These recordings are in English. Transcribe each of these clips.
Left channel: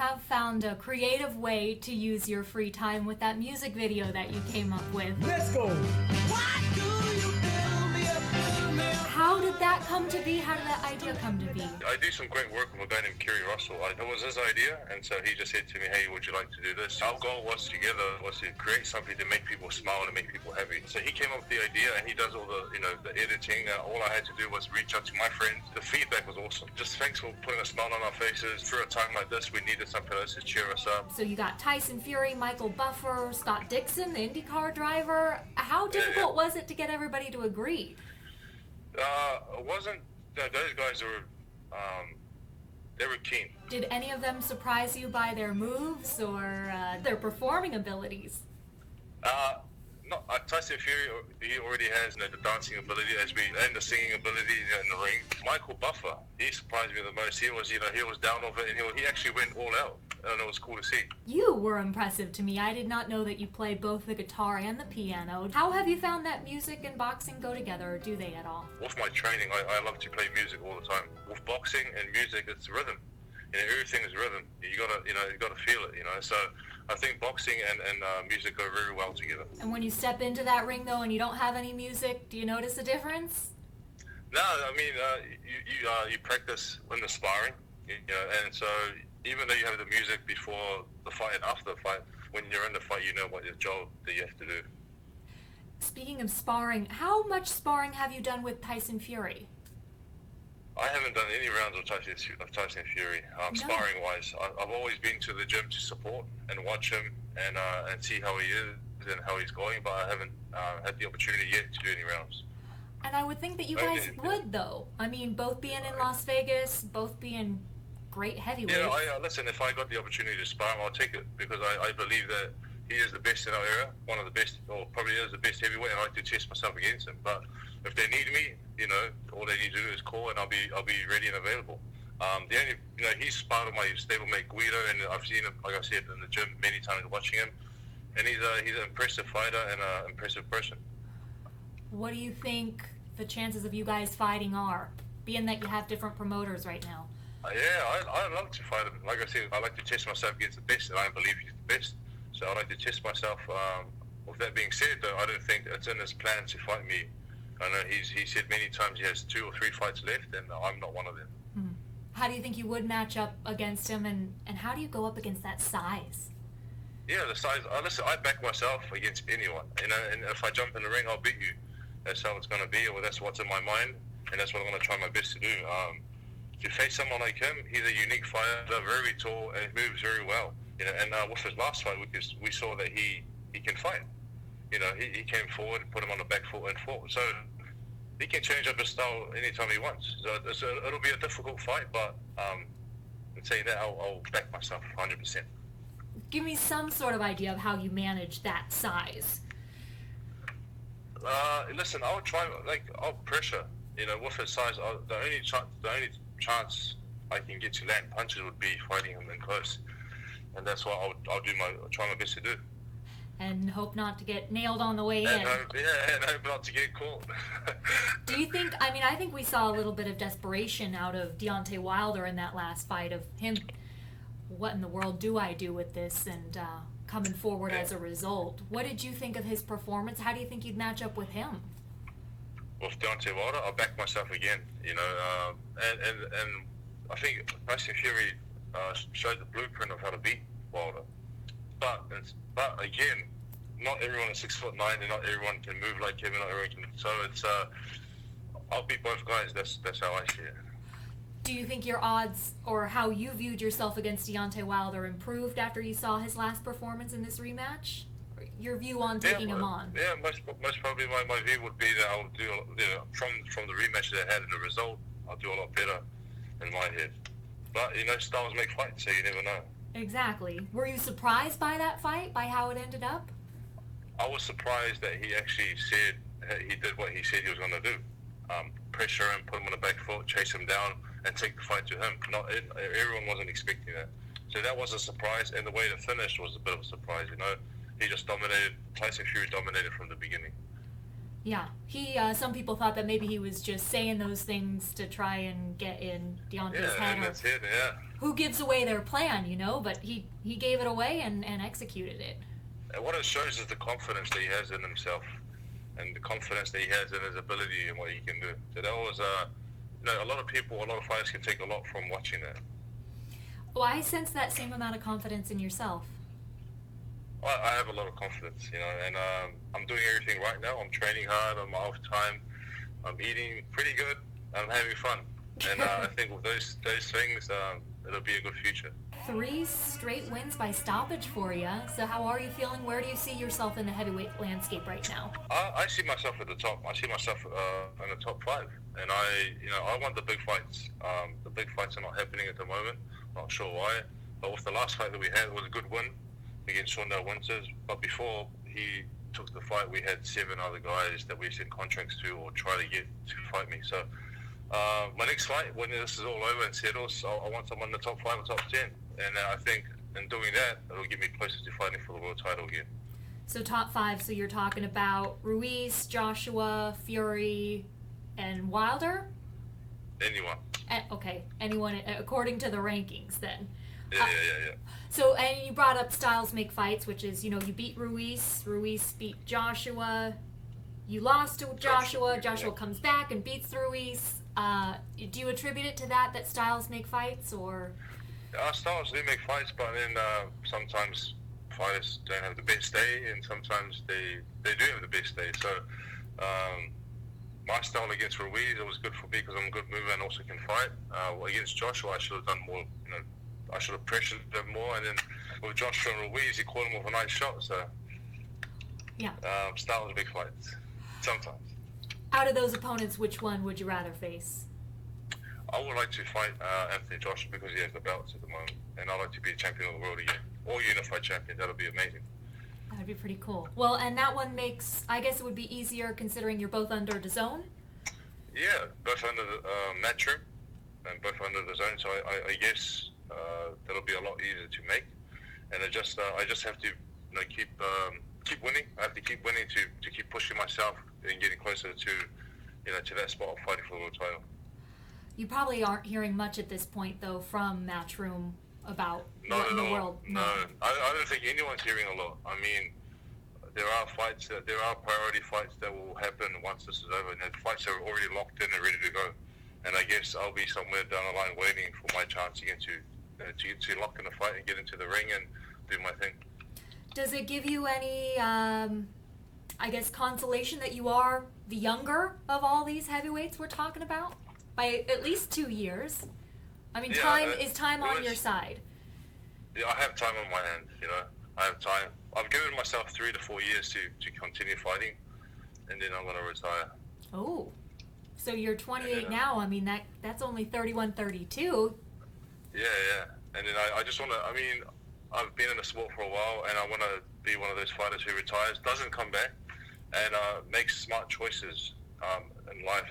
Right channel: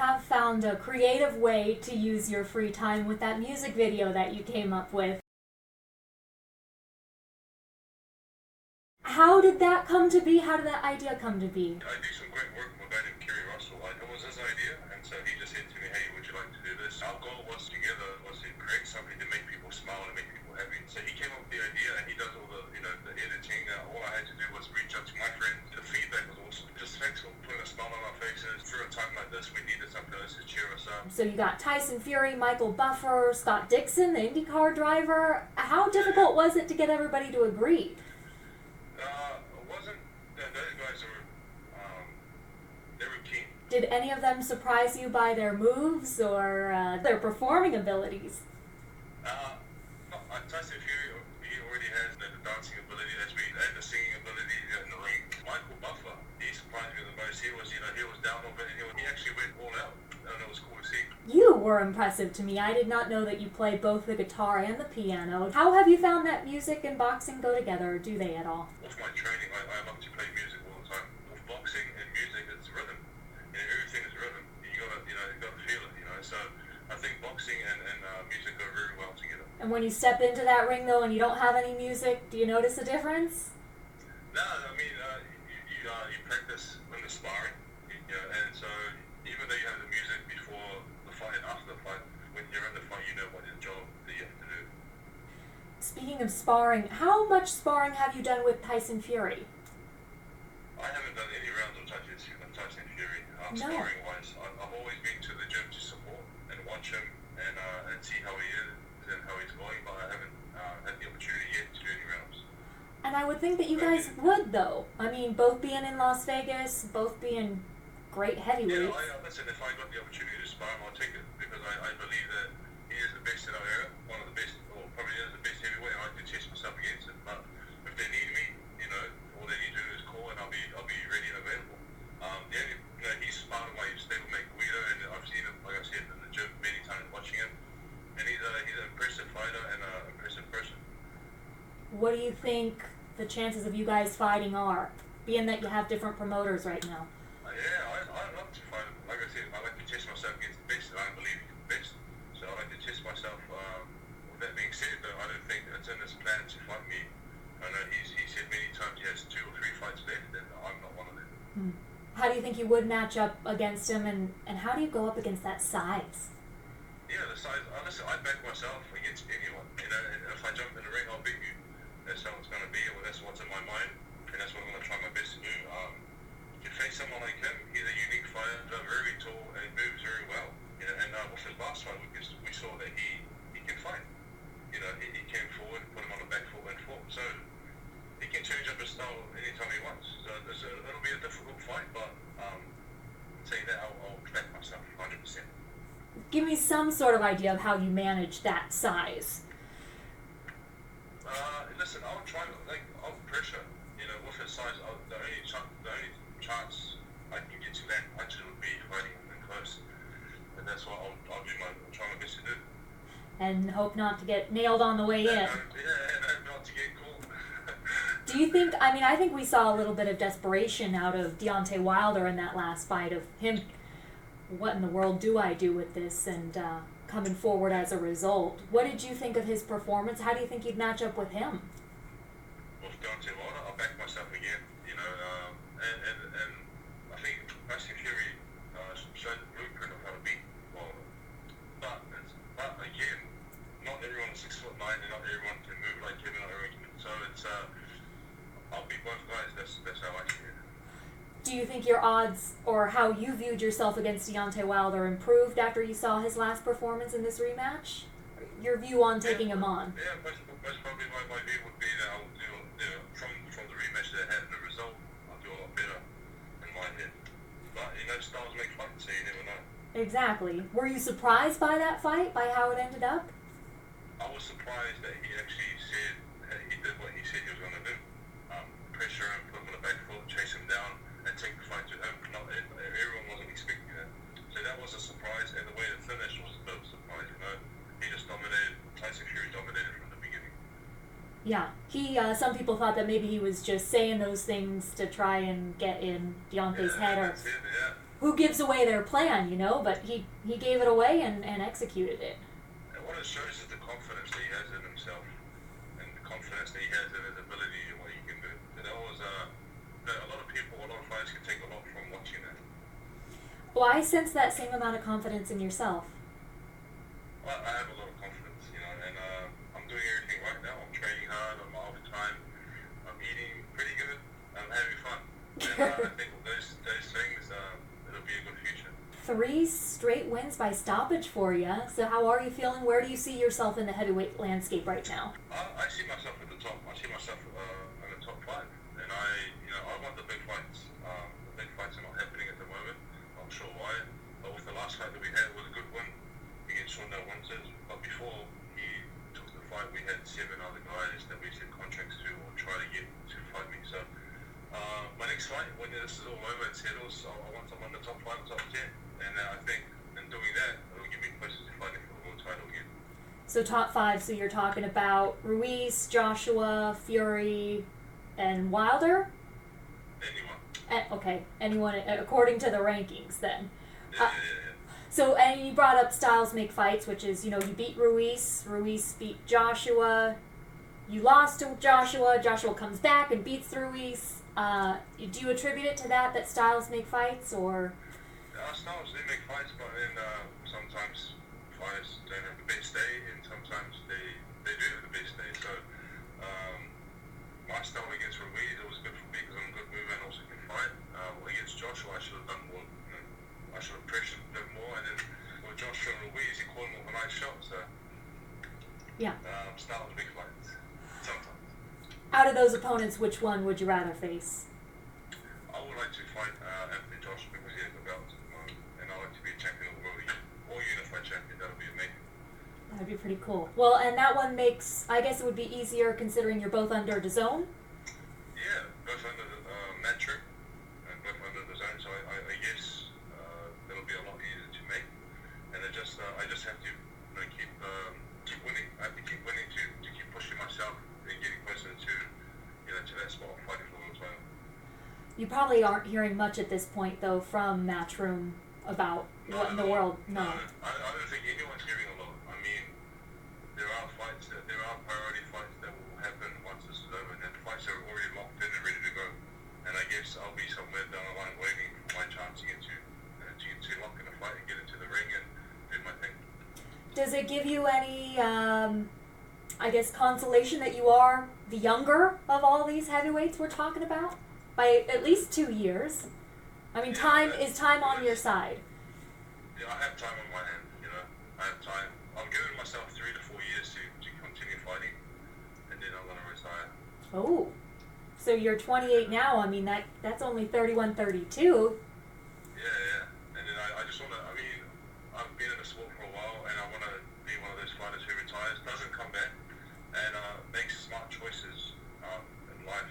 have found a creative way to use your free time with that music video that you came up with. Let's go! How did that come to be? How did that idea come to be? I do some great work with a guy named Kerry Russell. It was his idea, and so he just said to me, hey, would you like to do this? Our goal was to create something to make people smile and make people happy. So he came up with the idea, and he does all the, the editing. All I had to do was reach out to my friends. The feedback was awesome. Just thanks for putting a smile on our faces. Through a time like this, we needed something else to cheer us up. So you got Tyson Fury, Michael Buffer, Scott Dixon, the IndyCar driver. How difficult was it to get everybody to agree? It wasn't. Those guys they were keen. Did any of them surprise you by their moves or their performing abilities? No, Tyson Fury, he already has the dancing ability and the singing ability in the ring. Michael Buffer, he surprised me the most. He was down over it, and he actually went all out, and it was cool to see. You were impressive to me. I did not know that you play both the guitar and the piano. How have you found that music and boxing go together, or do they at all? With my training, I love to play music all the time. With boxing and music, it's rhythm. Everything is rhythm. You gotta feel it. So I think boxing and music go very well together. And when you step into that ring, though, and you don't have any music, do you notice a difference? No, I mean, you practice in the sparring, and so even though you have the music before the fight and after the fight, when you're in the fight, you know what your job that you have to do. Speaking of sparring, how much sparring have you done with Tyson Fury? I haven't done any rounds of Tyson Fury, sparring-wise. I've always been to the gym to support and watch him and see how he is and how he's going, but I haven't had the opportunity yet to do any rounds. And I would think that you guys would, though. I mean, both being in Las Vegas, both being great heavyweights. Yeah, listen, if I got the opportunity to spar him, I'll take it, because I believe that he is the best in our era, one of the best, or probably is the best heavyweight, and I do test myself against him. But if they need me, all they need to do is call, and I'll be ready and available. The only, he's part of my stablemate Guido, and I've seen him, like I said, in the gym many times watching him, and he's an impressive fighter and an impressive person. What do you think the chances of you guys fighting are, being that you have different promoters right now? I love to fight him. Like I said, I like to test myself against the best, and I believe he's the best. So I like to test myself. With that being said, though, I don't think it's in his plan to fight me. I know he said many times he has 2 or 3 fights left, and I'm not one of them. How do you think you would match up against him, and how do you go up against that size? Yeah, the size. Listen, I back myself against anyone. And if I jump in the ring, I'll beat you. That's how it's going to be, or that's what's in my mind, and that's what I'm going to try my best to do. To face someone like him, he's a unique fighter, very tall, and moves very well. And with his last fight, we saw that he can fight. He came forward, put him on the back foot, and fought. So he can change up his style anytime he wants. So it'll be a difficult fight, but in saying that, I'll back myself 100%. Give me some sort of idea of how you manage that size. Listen, I'll try. I'll pressure. With his size, the only chance I can get to land punches would be fighting him in close, and that's what I'll try my best to do. And hope not to get nailed on the way in. And hope not to get caught. Do you think, I think we saw a little bit of desperation out of Deontay Wilder in that last fight, of him, what in the world do I do with this, and coming forward as a result. What did you think of his performance? How do you think you'd match up with him? With Deontay Wilder, I'll back myself again, and I think Tyson Fury showed the blueprint of how to beat Wilder. But again, not everyone is 6'9", and not everyone can move like him, and not everyone can. So it's I'll beat both guys. That's how I see it. Do you think your odds, or how you viewed yourself against Deontay Wilder, improved after you saw his last performance in this rematch? Your view on taking him on? Yeah, most probably my view would be that I'll do from the rematch that I had and the result, I'll do a lot better in my head. But styles make fights, so you never know. Exactly. Were you surprised by that fight, by how it ended up? I was surprised that he actually said he did what he said he was going to do. Pressure him, put him on the back foot, chase him down, and take the fight to him. Everyone wasn't expecting that. So that was a surprise, and the way it finished was a bit of a surprise, He just dominated. Tyson Fury dominated from the beginning. Yeah. Some people thought that maybe he was just saying those things to try and get in Deontay's head. That's it, yeah. who gives away their plan, but he gave it away and executed it. And what it shows is the confidence that he has in himself, and the confidence that he has in his ability and what he can do. So that was, a lot of fighters can take a lot from watching that. Well, I sense that same amount of confidence in yourself. I have a lot of confidence, and I'm doing everything right now. I'm training hard on my off time. I'm eating pretty good. I'm having fun. And I think with those things, it'll be a good future. 3 straight wins by stoppage for you. So how are you feeling? Where do you see yourself in the heavyweight landscape right now? I see myself at the top. I see myself in the top 5. And I want the big fights. The big fights are not happening at the moment. Not sure why. But with the last fight that we had, it was a good win against Winters. But before he took the fight, we had 7 other guys that we sent contracts to or try to get to fight me. So my next fight, when this is all over and settles, I want someone in the top 5 or top 10. And I think in doing that, it'll get me closer to fighting for the world title again. So top 5, so you're talking about Ruiz, Joshua, Fury, and Wilder? Anyone. Okay, anyone according to the rankings then. Yeah. So, and you brought up styles make fights, which is, you beat Ruiz beat Joshua, you lost to Joshua comes back and beats Ruiz. Do you attribute it to that styles make fights, or? Styles do make fights, but then sometimes fighters don't have the best day, and sometimes they do have the best day. So my style against Ruiz, it was good for me because I'm a good mover and also can fight. Against Joshua, I should have done more. I should have pressured him more, and then with Joshua and Ruiz, he caught him with a nice shot. So yeah, styles big fights sometimes. Out of those opponents, which one would you rather face? I would like to fight Anthony Joshua because he has the belts at the moment, and I'd like to be a champion of the world again, or unified champion. That'll be amazing. That'd be pretty cool. Well, and that one makes, I guess it would be easier considering you're both under the zone? Yeah, both under the Matchroom and both under the zone, so I guess that'll be a lot easier to make. And I just have to keep winning. I have to keep winning to keep pushing myself and getting closer to that spot of fighting for the world title. You probably aren't hearing much at this point, though, from Matchroom about the world. No, I don't think anyone's hearing a lot. I mean, there are priority fights that will happen once this is over, and the fights are already locked in and ready to go. And I guess I'll be somewhere down the line waiting for my chance to get to lock in a fight and get into the ring and do my thing. Does it give you any, consolation that you are the younger of all these heavyweights we're talking about? By at least 2 years. I mean, is time on your side? Yeah, I have time on my hand, I have time. I've given myself 3 to 4 years to continue fighting, and then I'm going to retire. Oh, so you're 28 now. I mean, that's only 31, 32. Yeah. And then I just want to, I've been in the sport for a while, and I want to be one of those fighters who retires, doesn't come back, and makes smart choices in life,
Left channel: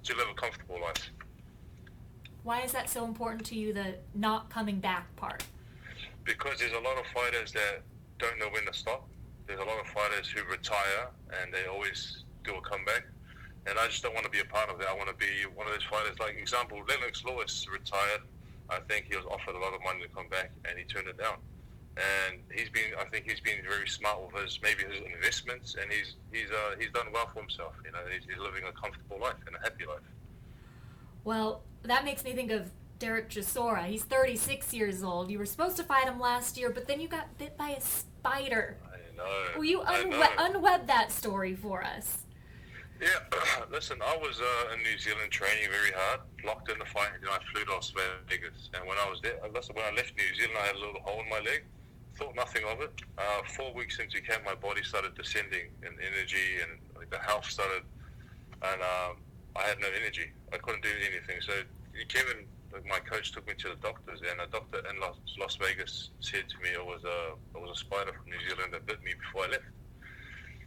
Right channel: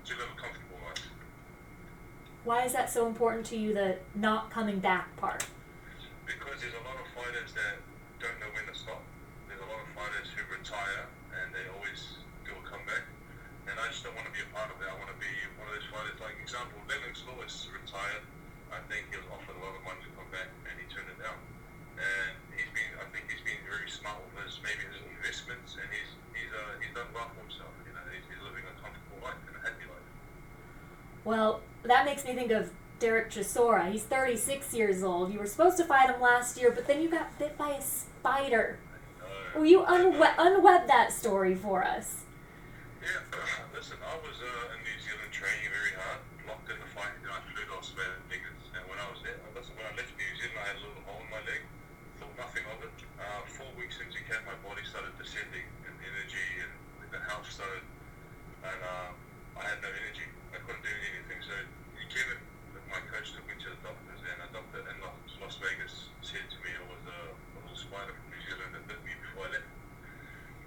to live a comfortable life. Why is that so important to you, the not coming back part? Because there's a lot of fighters that don't know when to stop. There's a lot of fighters who retire and they always do a comeback. And I just don't want to be a part of that. I want to be one of those fighters. Like, example, Lennox Lewis retired. I think he was offered a lot of money to come back and he turned it down. And I think he's been very smart with his investments, and he's done well for himself. He's living a comfortable life and a happy life. Well, that makes me think of Derek Chisora. He's 36 years old. You were supposed to fight him last year, but then you got bit by a spider. I know. Will you unweb that story for us? Yeah, listen, I was in New Zealand training very hard, locked in the fight, and I flew to Las Vegas. And when I was there, when I left New Zealand, I had a little hole in my leg. Thought nothing of it. 4 weeks into camp, my body started descending in energy, and the health started, and I had no energy. I couldn't do anything. So Kevin, my coach, took me to the doctors, and a doctor in Las Vegas said to me it was a spider from New Zealand that bit me before I left.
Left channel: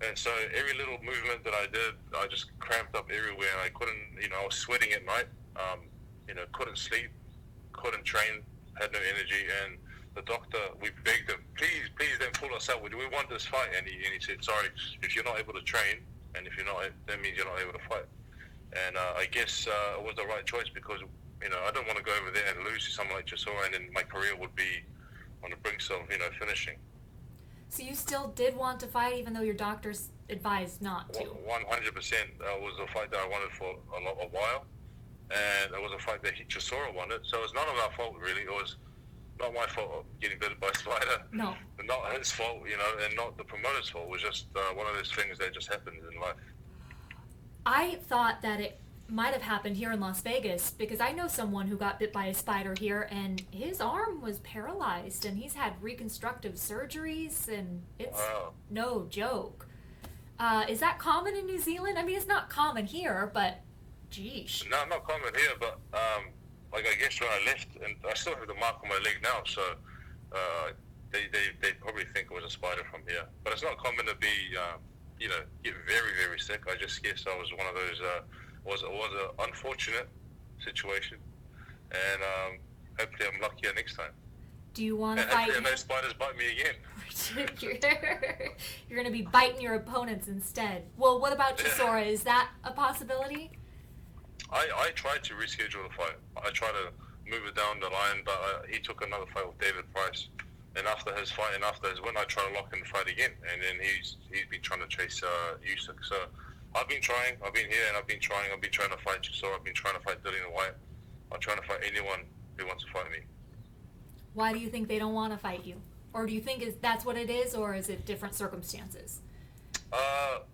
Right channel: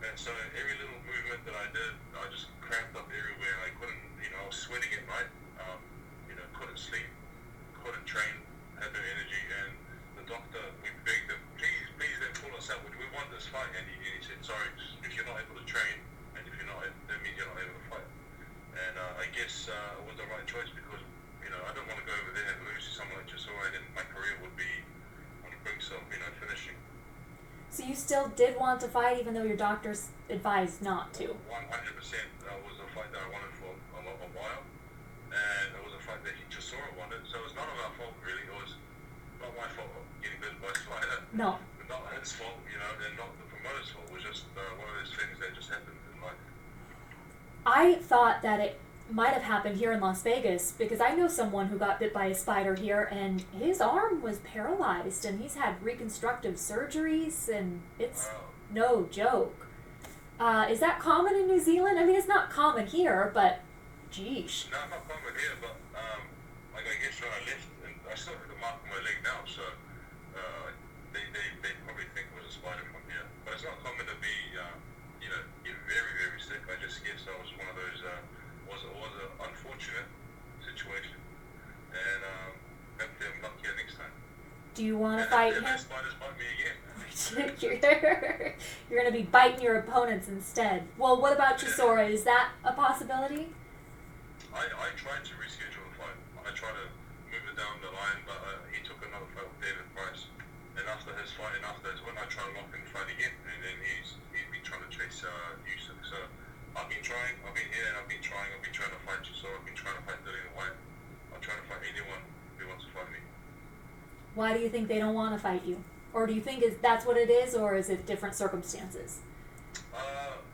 And so every little movement that I did, I just cramped up everywhere, and I couldn't, I was sweating at night, couldn't sleep, couldn't train, had no energy, and the doctor, we begged him, please don't pull us out. We want this fight. And he said, sorry, if you're not able to train, and if you're not, that means you're not able to fight. And I guess it was the right choice because, I don't want to go over there and lose to someone like Chisora, and then my career would be on the brink of, finishing. So you still did want to fight, even though your doctors advised not to? 100% was a fight that I wanted for a while, and it was a fight that Chisora wanted. So it was none of our fault, really. It was not my fault of getting bitten by a spider. No. Not his fault, and not the promoter's fault. It was just one of those things that just happens in life. I thought that it might have happened here in Las Vegas, because I know someone who got bit by a spider here, and his arm was paralyzed, and he's had reconstructive surgeries, and it's no joke. Is that common in New Zealand? I mean, it's not common here, but geesh. No, not common here, but I guess when I left, and I still have the mark on my leg now, so they probably think it was a spider from here. But it's not common to be, get very, very sick. I just guess I was one of those, was an unfortunate situation, and hopefully I'm luckier next time. Do you want to fight him? No spiders bite me again. You're going to be biting your opponents instead. Well, what about Chisora? Is that a possibility? I tried to reschedule the fight. I tried to move it down the line, but he took another fight with David Price. And after his fight and after his win, I tried to lock in the fight again. And then he's been trying to chase Usyk. So I've been trying. I've been here and I've been trying. I've been trying to fight Chisora. I've been trying to fight Dillian White. I'm trying to fight anyone who wants to fight me. Why do you think they don't want to fight you? Or do you think that's what it is, or is it different circumstances?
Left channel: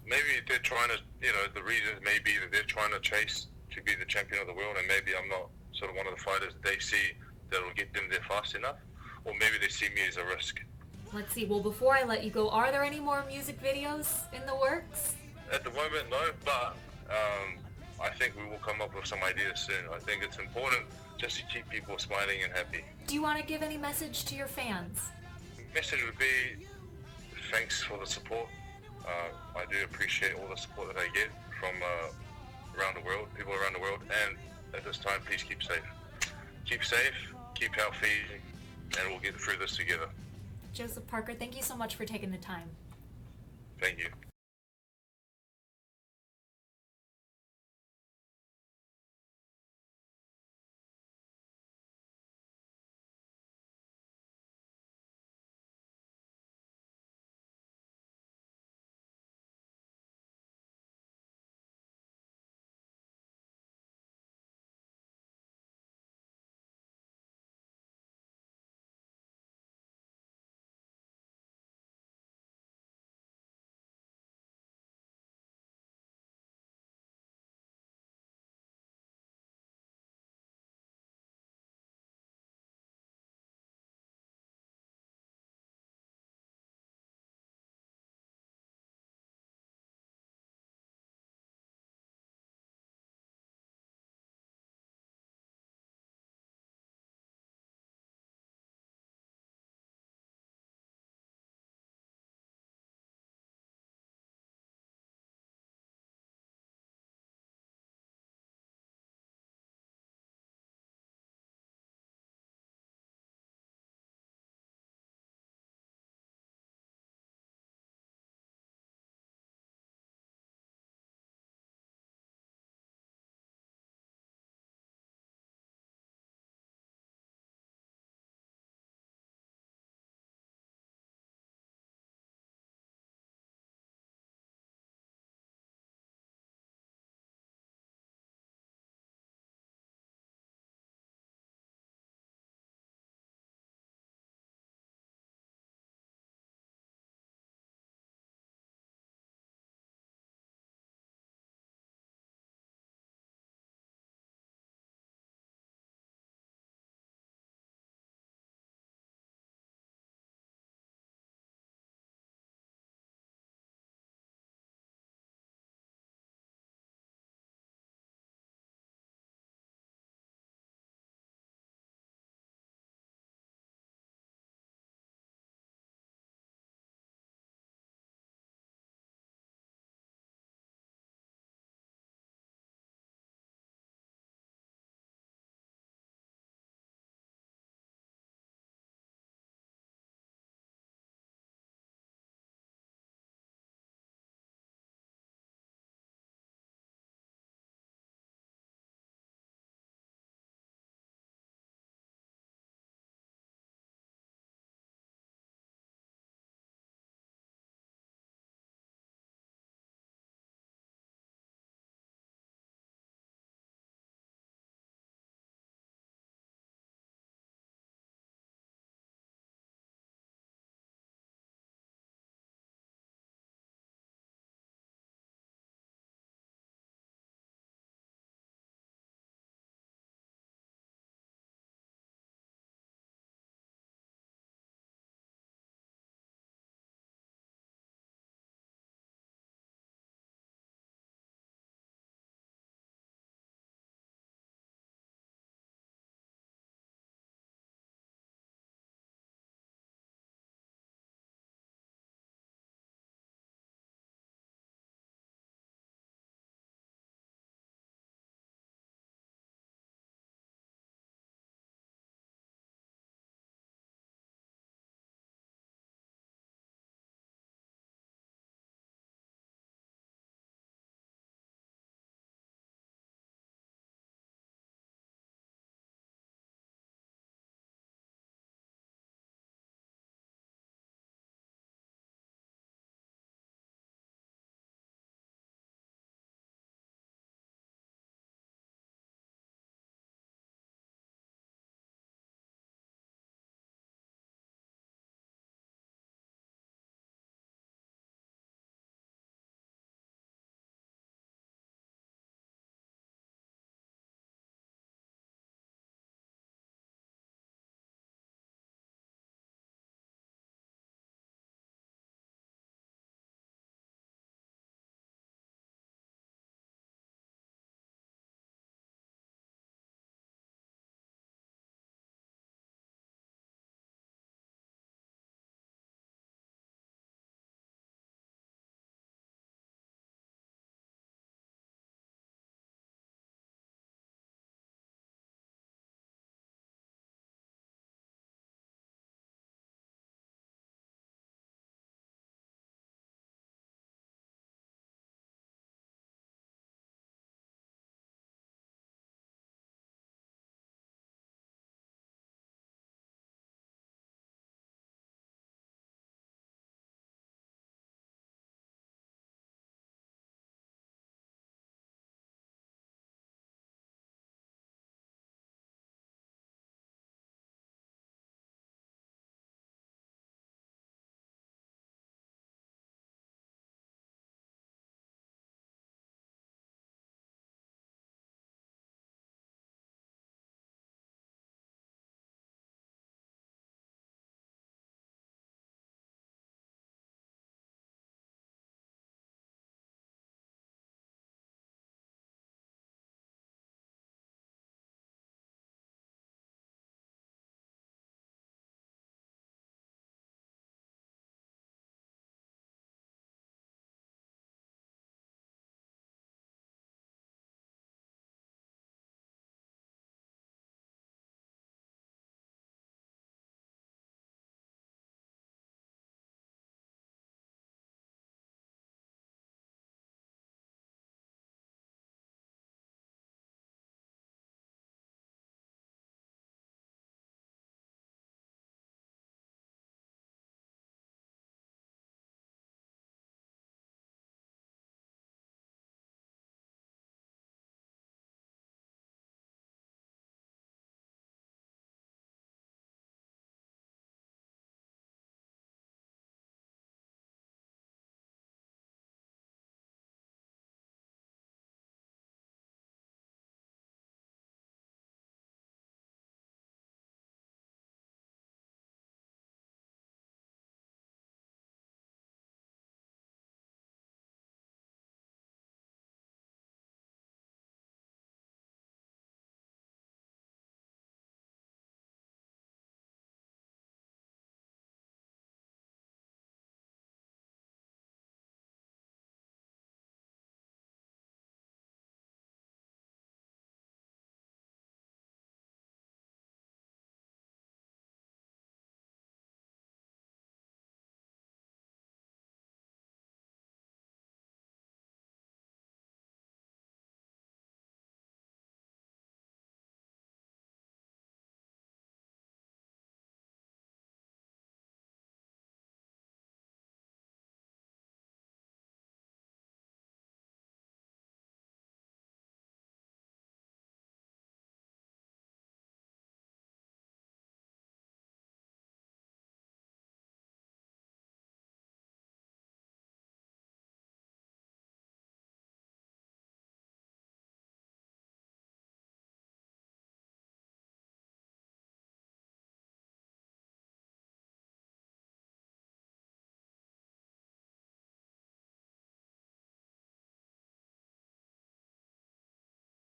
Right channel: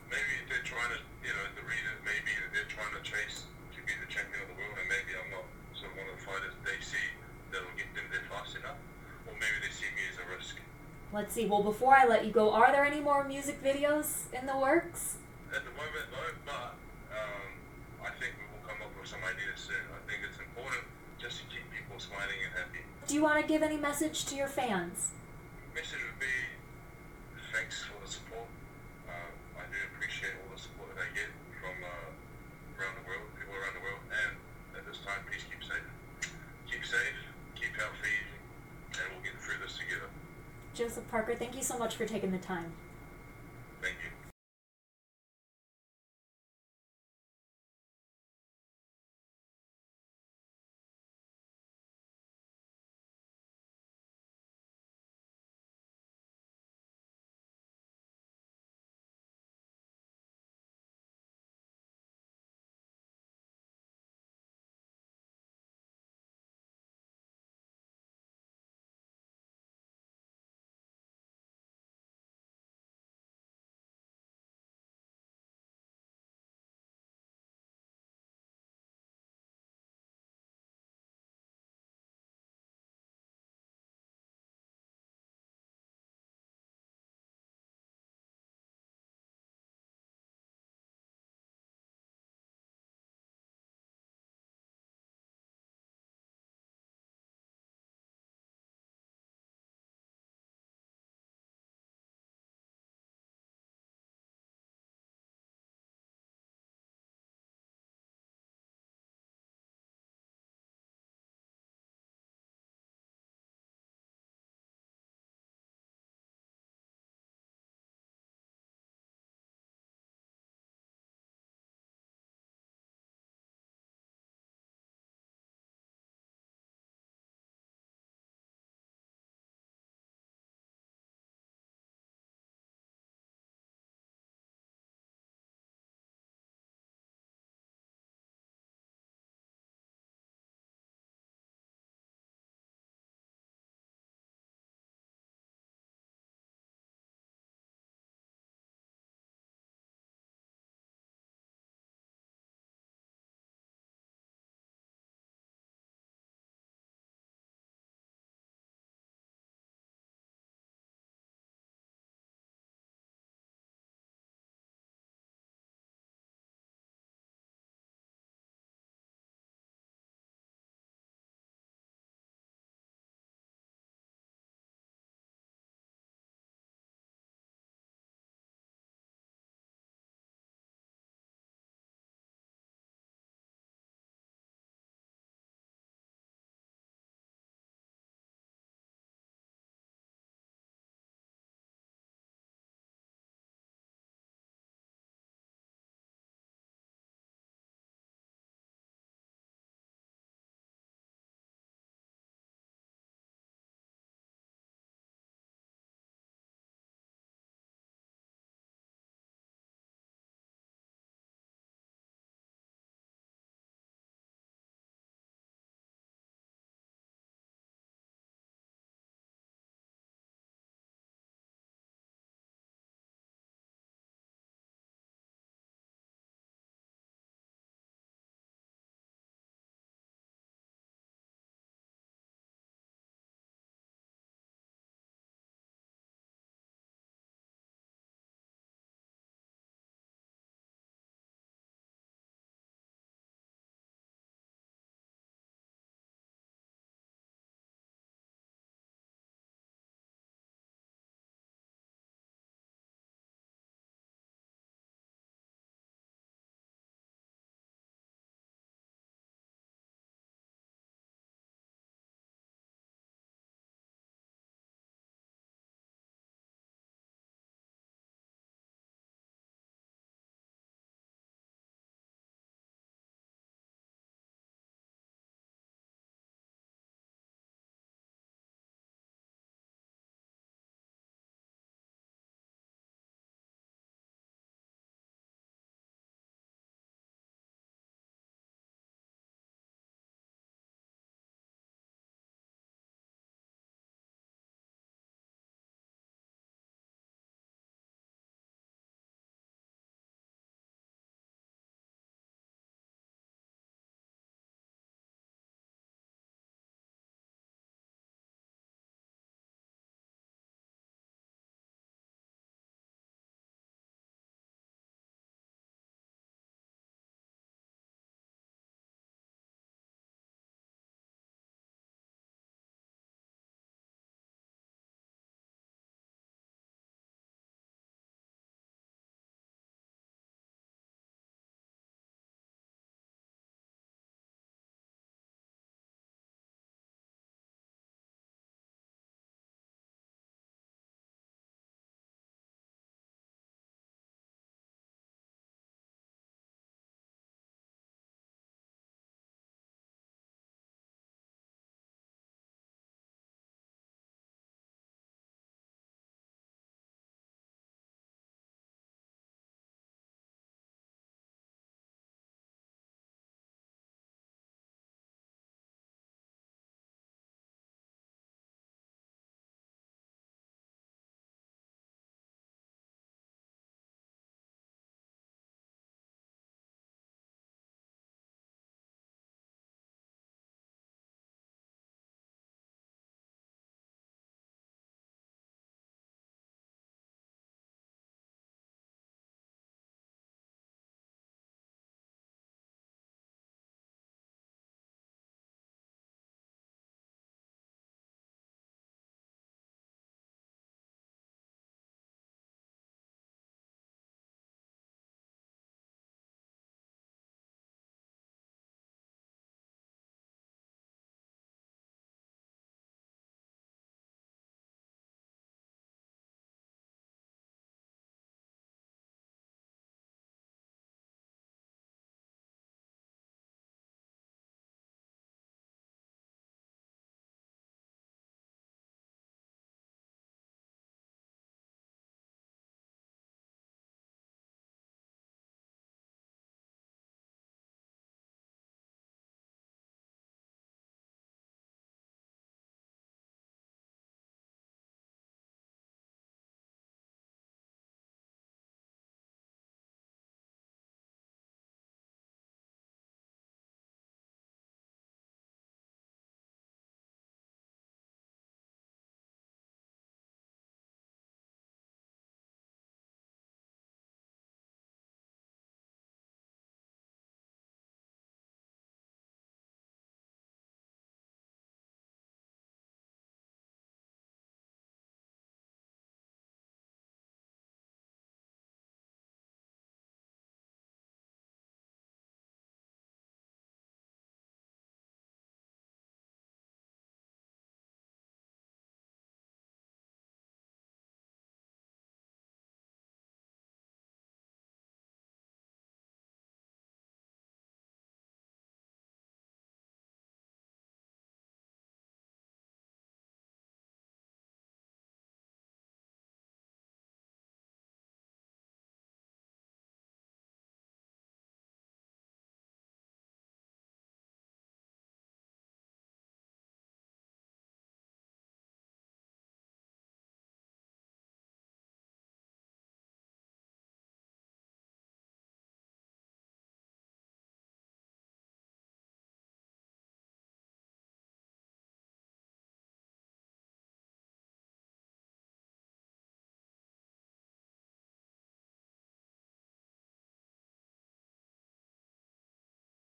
Maybe they're trying to, the reason may be that they're trying to chase to be the champion of the world, and maybe I'm not sort of one of the fighters they see that will get them there fast enough. Or maybe they see me as a risk. Let's see. Well, before I let you go, are there any more music videos in the works? At the moment, no, but I think we will come up with some ideas soon. I think it's important just to keep people smiling and happy. Do you want to give any message to your fans? Message would be thanks for the support. I do appreciate all the support that I get from around the world, people around the world, and at this time, please keep safe. Keep safe, keep healthy, and we'll get through this together. Joseph Parker, thank you so much for taking the time. Thank you.